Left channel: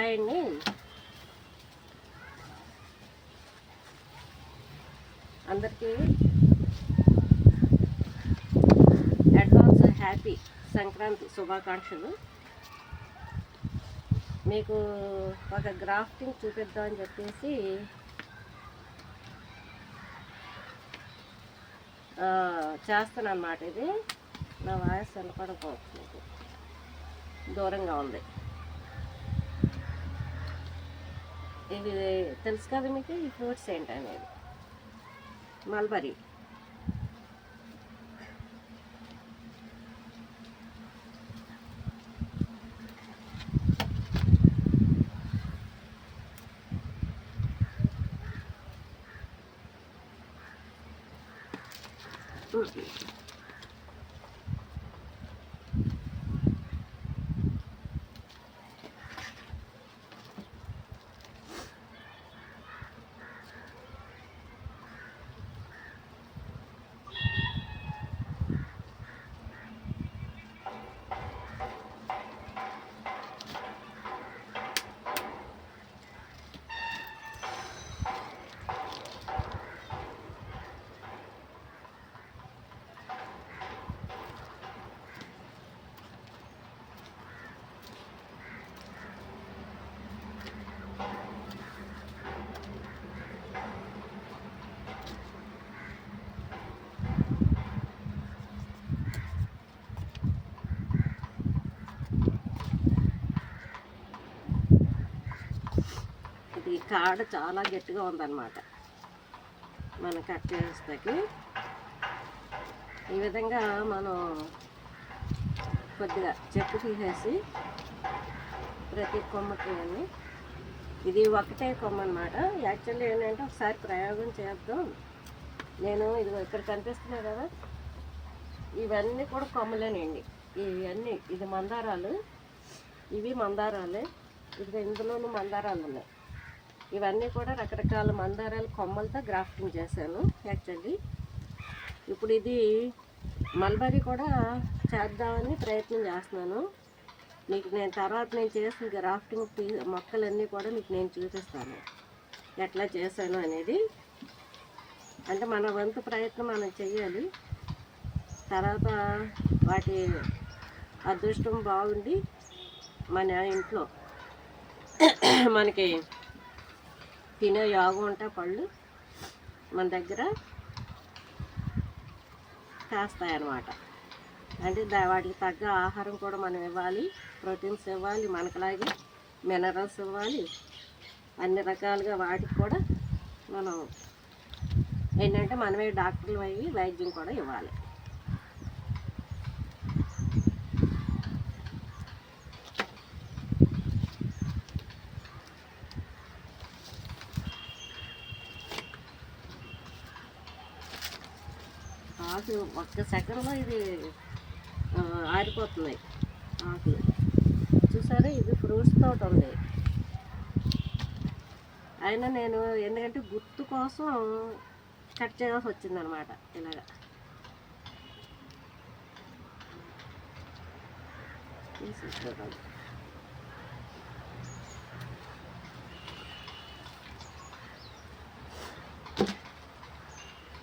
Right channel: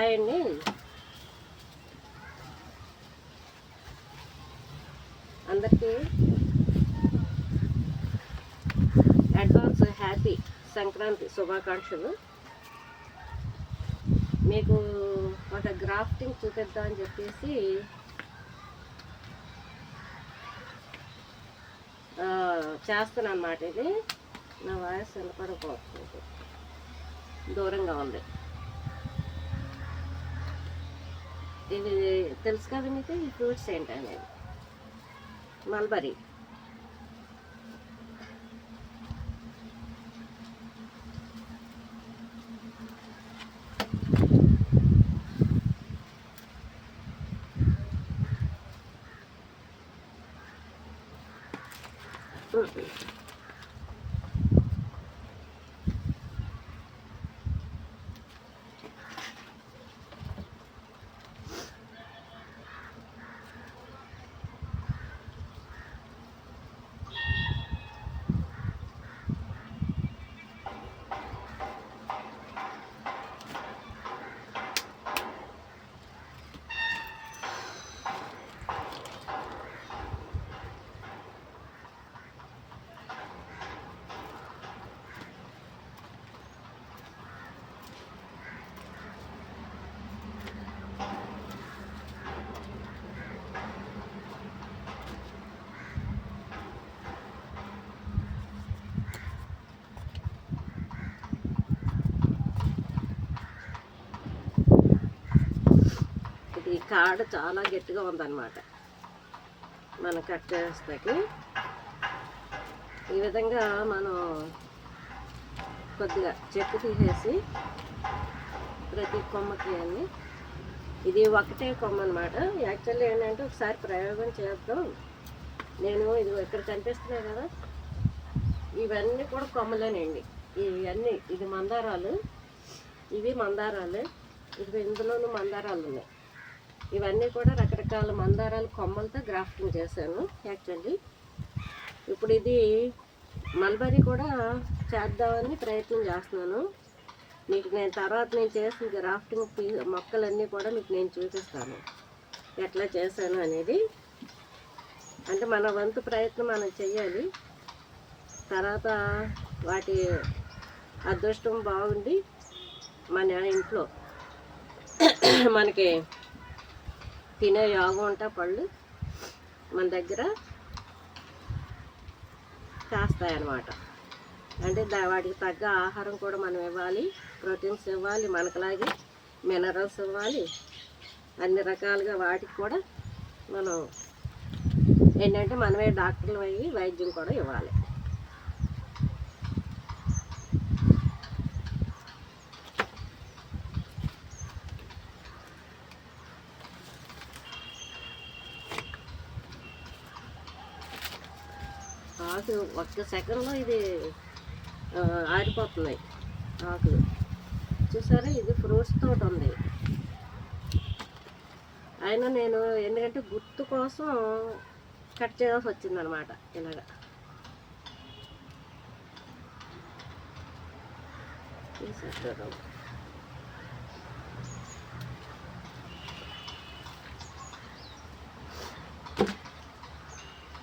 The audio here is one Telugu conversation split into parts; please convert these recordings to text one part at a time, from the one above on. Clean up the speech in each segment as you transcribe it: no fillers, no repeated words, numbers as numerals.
హాయ్ అండి. అందరికీ అడ్వాన్స్ హ్యాపీ సంక్రాంతి శుభాకాంక్షలు. మీకు ఒక గ్రాఫ్టింగ్ చూపిద్దామని చెప్పేసి చేస్తున్నాను అన్నమాట. ఇది నా వాయిస్ వినపడకపోతుంది, దూరంగా ఉంది. ఇది తెలుసు కదా మీకు, ఈ ఫ్రూట్స్ ఏంటనేది. మల్బరీ, ఈ కాడ చాలా గట్టిగా ఉందన్నమాట. మనం కట్ చేస్తాకి ఈ విధంగా మనం కొద్దిగా చెట్టు తీసేసి ప్రతి కొమ్మకి అన్ని, ఇది ఒకటే కొమ్మ అనమాట. యాక్చువల్లీ ఏంటంటే ఒకసారి ప్రయోగం చేద్దాం. నేను ఇది ఇక్కడ కనిపిస్తున్నాయి కదా, ఇవన్నీ కూడా కొమ్మలేనండి. ఇవన్నీ ఇది మందారాలు, ఇవి మందారాలు. ఇది ఇందులోనూ మందారాలు ఉన్నాయి. ఇవన్నీ కూడా రకరకాల మందారాల కొమ్మలతో గ్రాఫ్టింగ్ చేశాను యాక్చువల్లీ. ఇప్పుడు ఇది మల్బరీ కూడా చేద్దామని ప్రయత్నం చేస్తున్నాను. మీకు నేను తర్వాత నేను చేసిన గ్రాఫ్టింగ్ మొక్కలన్నీ కూడా మీకు నేను చూపిస్తాను ఎట్లా చేశాను అనేది. అంటే మన వంతు ప్రయత్నం మనం చెయ్యాలి. తర్వాత వాటి అదృష్టం బాగుండి మన ఇంట్లో మనకి తినే యోగం ఉంటే పళ్ళు మన దగ్గర చేస్తాయన్నమాట. అంటే వాటికి తగ్గ ఆహారం కూడా మనం ఇవ్వాలి, ప్రోటీన్స్ ఇవ్వాలి, మనకులాగే మినరల్స్ ఇవ్వాలి. అన్ని రకాలుగా వాటికి కూడా మనం ఏంటంటే మనమే డాక్టర్లు అయ్యి వైద్యం కూడా ఇవ్వాలి. ఆకు ఒక్క సెకండ్లో ఇది ఆరిపోతున్నాయి ఆకులు. చూసారా, ఇది ఫ్రూట్స్ తోట ఉంది. అయినా నేను ఎందుకంటే గుర్తు కోసం కట్ చేయాల్సి వచ్చిందనమాట. ఇలాగా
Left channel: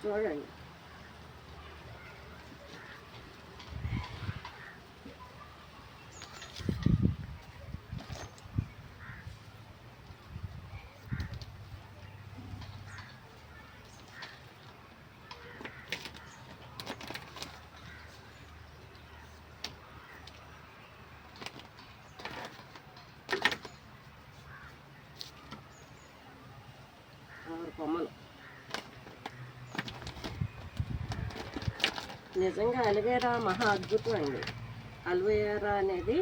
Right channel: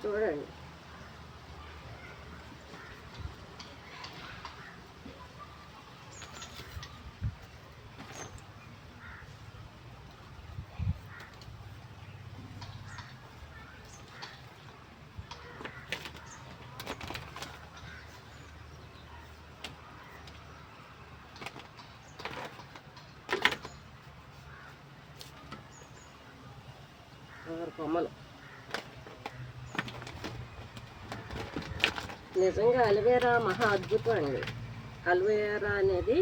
చూడండి. కొమ్మలు నిజంగా అలోవెరా మహా అద్భుతం అండి. అలోవెరా అనేది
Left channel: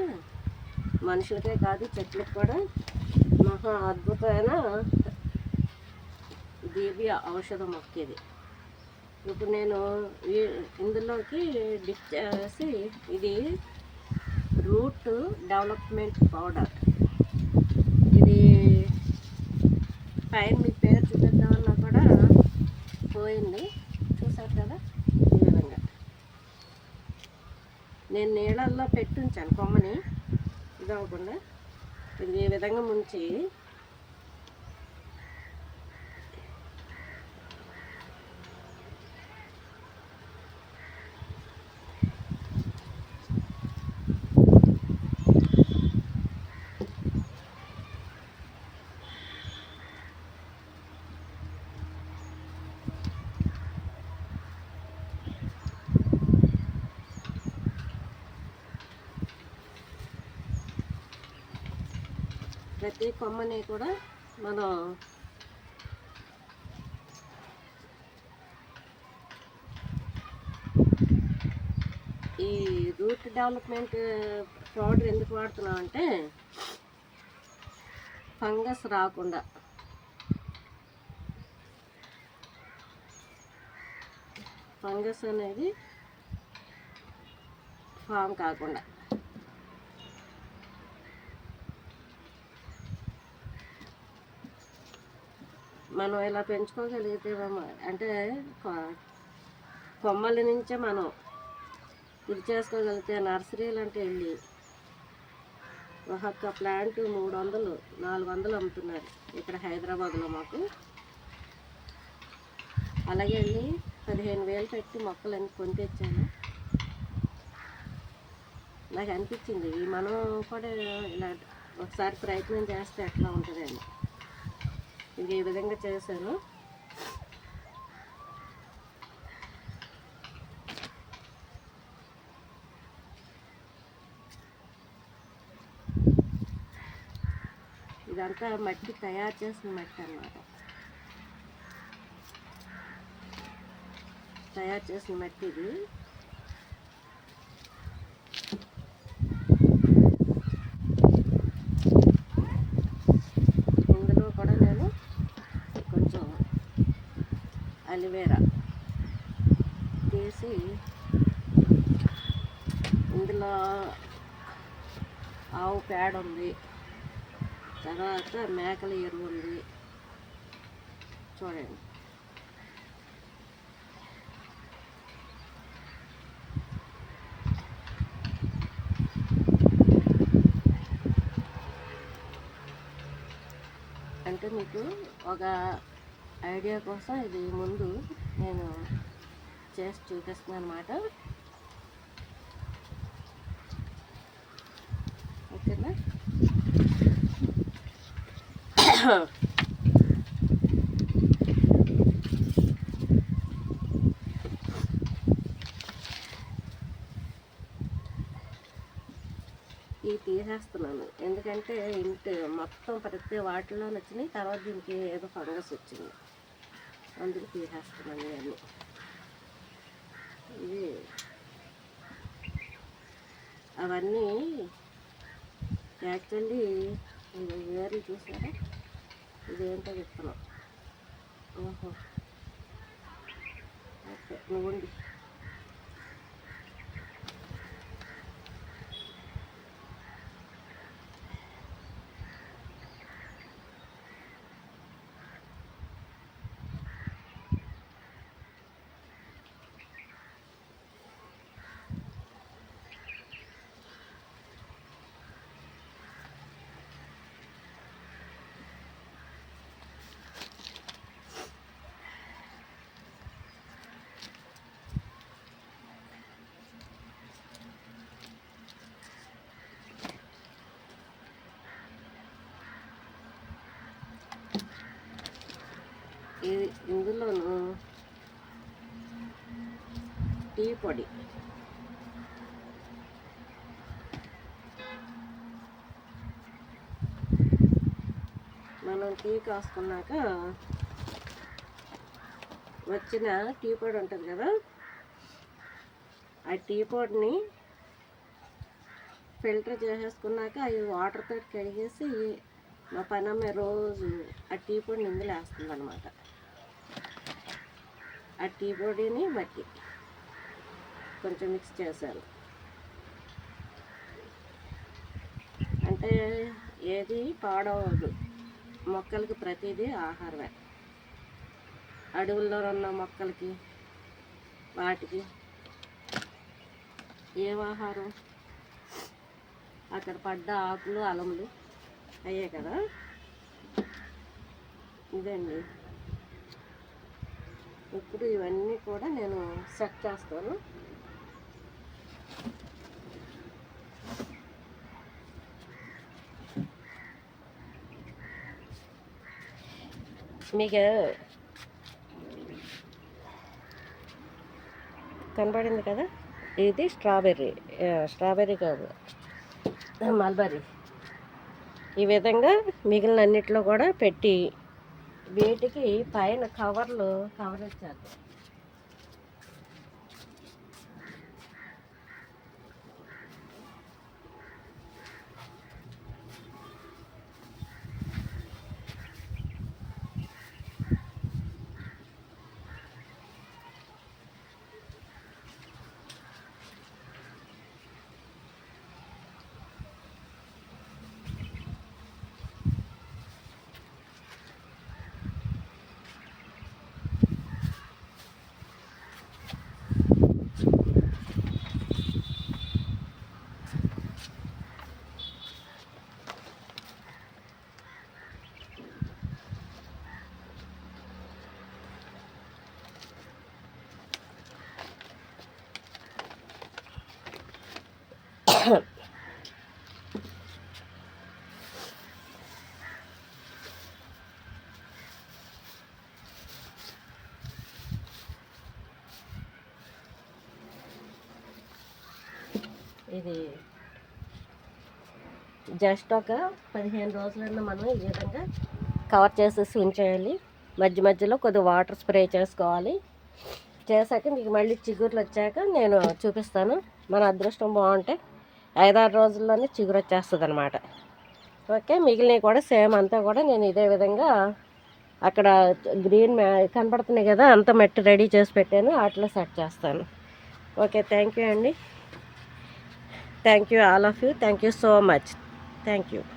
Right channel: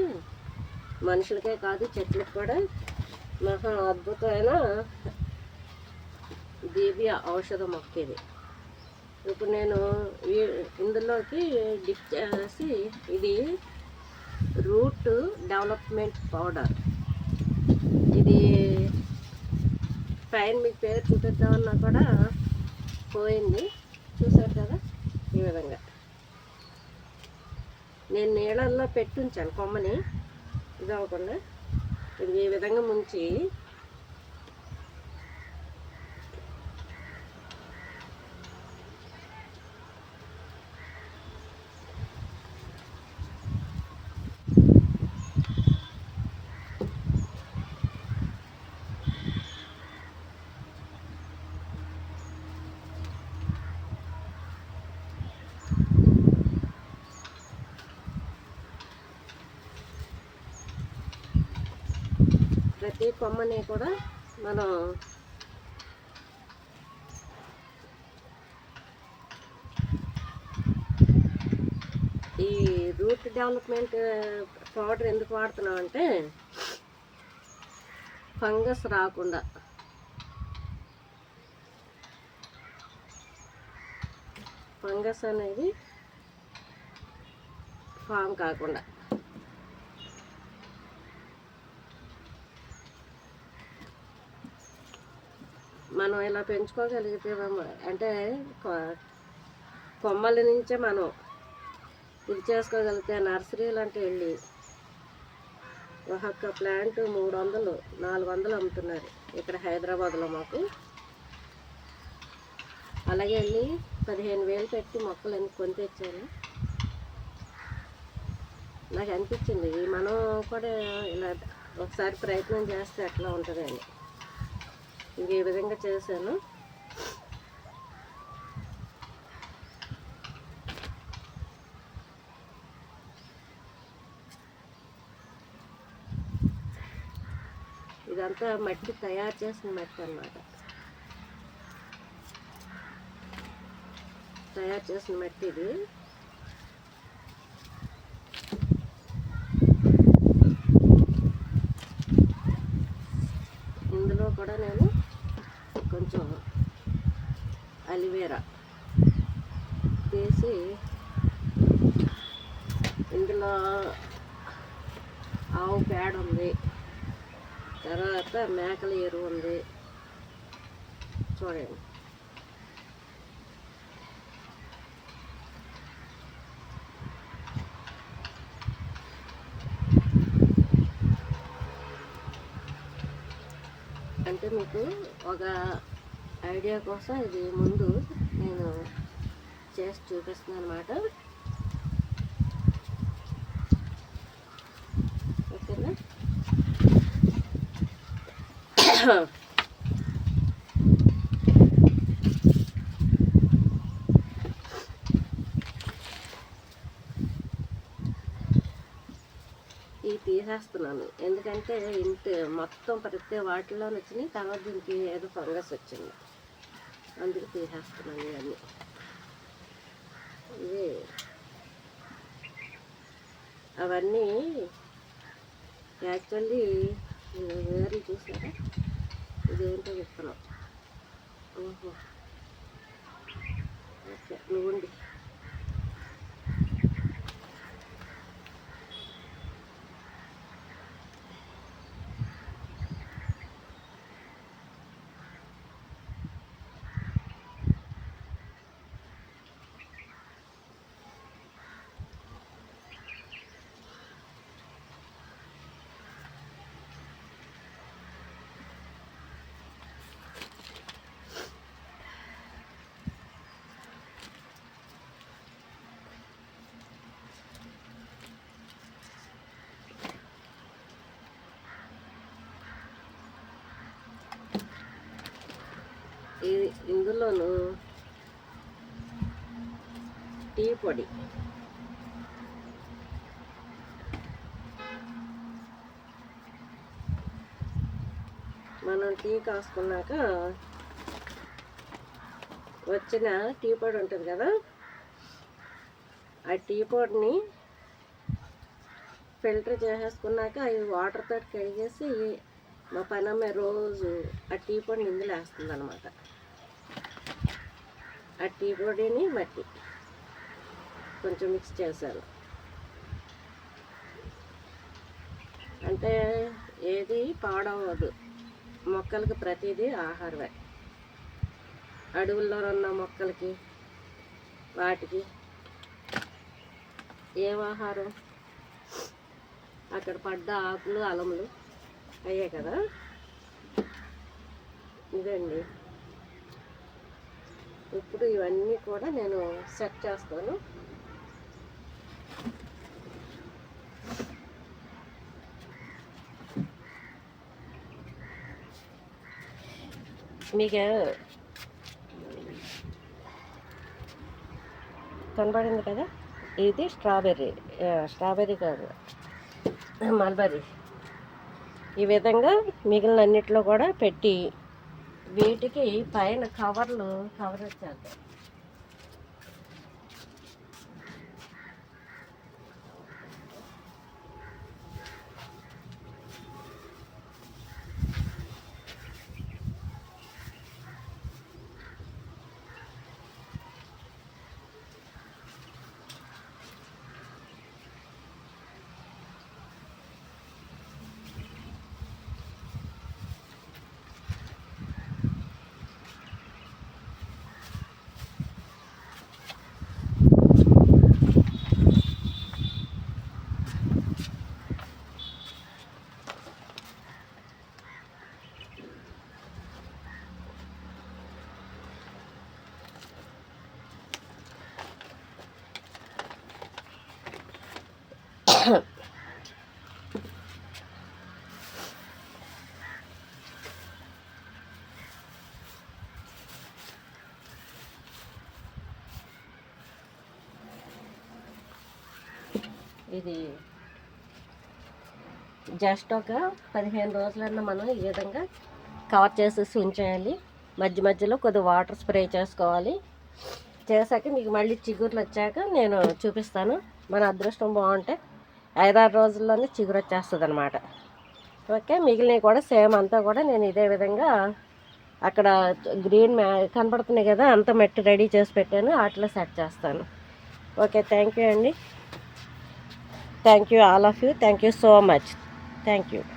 మనుషులకే కాదు చెట్లకు కూడా మహా అద్భుతమైన దివ్య ఔషధ మొక్క ఇది. ఇప్పుడు నేను ఇందులోకి డిప్ చేసి, ఇది రూట్ డెవలప్మెంట్ పౌడర్. ఇది పైన మీకు పేరు చూపిద్దామన్నా కూడా పోయింది. చూసారు కదా, ఈ విధంగా నేను నీళ్ళల్లో పెట్టుంచాను కొమ్మని ఇది అవ్వకుండా. ఇది ఈ విధంగా ముంచి ప్రతి కొమ్మని కూడా మనం ఈ రూట్ డెవలప్మెంట్ పౌడర్ ఎందుకు వాడుతున్నాం అంటే ఫంగస్ రాకుండా, ఫంగస్ అనేది ఫామ్ కాకుండా. మనం ఇలా పెంచుకోగలిగితే అంటే కొమ్మల నుంచే మనం ఇది చేసుకోగలిగితే నర్సరీలు అంటే వెళ్ళి ఒక్కొక్క ప్లాంట్ 300 400 అమ్ముతున్నారు ఇక్కడ హైదరాబాద్లో మాకు. అలాగే వెళ్ళి 15,000 పెట్టి మొక్కలన్నీ కొని తెచ్చాను. నాకు అనిపించింది మనం కూడా ఇలా ఒకసారి ప్రయత్నం చేస్తే ఎట్లా ఉంటుందండి. ఇంక ఈ విధంగా చేశాను. ఇదంతా మట్టి తయారు చేసిన మట్టి అన్నమాట. తయారు చేసిన మట్టి ఇది. ఇందులో కూడా నేను కొంచెం అలివేరా తీసి ఇందులో ఆవు పేడ ఉంది, తర్వాత మేకల ఎరువు ఉంది చూడండి. అంటే మీకు ఒక ఐడియా కోసం ఇది ముందు నేను చేసి చూపిస్తున్నాను అన్నమాట. ఓకేనా? ఇవి తీసేస్తున్నాను ఎందుకంటే ఇంటి మొత్తం ప్రతి వాటిలో వచ్చినాయి. తర్వాత దీనికి ఏదో ఫంగస్ వచ్చింది, అందుకు తీసేస్తున్నాను ఇవన్నీ. ఇవి అవన్నీ యాక్చువల్లీ వేర్లు చూసారా, ఇదేంటో విత్తనం. ఓహో, ఓకే, నువ్వుండి. ఇందులోను టీ పొడి, మనం టీ కాసుకున్నాక వచ్చిన టీ పొడి ఉంటుంది కదా, ఆ టీ పొడిని ఫిల్టర్ చేసేసుకున్నాక అవి వాటర్తో కడిగేసి మా పనమ్మ రోజు ఆ టీ పొడిని ఇందులో వేస్తుంది అన్నమాట. ఆ టీ పొడిని మట్టి కొంచెం మిక్స్ చేశాను. అంటే ఏది పాడవదు, మొక్కలకి ప్రతిదీ ఆహారమే. అడవుల్లో ఉన్న మొక్కలకి వాటికి ఏం ఆహారం, అక్కడ పడ్డ ఆకులు అలములు అయ్యే కదా, ఇదండి. ఇప్పుడు ఇవన్నీ కూడా నేను సెట్ చేస్తాను. మీకు కనబడింది కదా, ఇది స్ట్రాబెర్రీ కాదు, మల్బరీ. ఈ విధంగా మిగిలిన అన్నిట్లో కూడా పెట్టి వీటికి పైన కవర్ వచ్చేద్దాం. ఇది జస్ట్ ఒక 15 రోజులన్నా మనం ఈ విధంగా కవర్ చేసేసి ఉంచేయాలి. మధ్య మధ్యలో కొద్దిగా వాటర్ స్ప్రే చేసుకోవాలి. చేశాక మీకు మళ్ళీ చిగుర్లు వచ్చాక నేను చూపిస్తాను. మన అదృష్టం బాగుంటే 5-6 రోజుల్లోనే చిగురు వచ్చేస్తుంది అనమాట. ఓకే, మిగిలినవి కూడా సేమ్ అంతా కూడా నేను ఇదే విధంగా అక్కడ గ్రీన్ కనపడుతున్నాయి కదా, అంతా మట్టి రెడీ చేసి పెట్టాను, వాటిలో సెట్ చేస్తాను. ఓకే, థ్యాంక్ యూ అండి. Thank you all of you. Thank you so much. Thank you.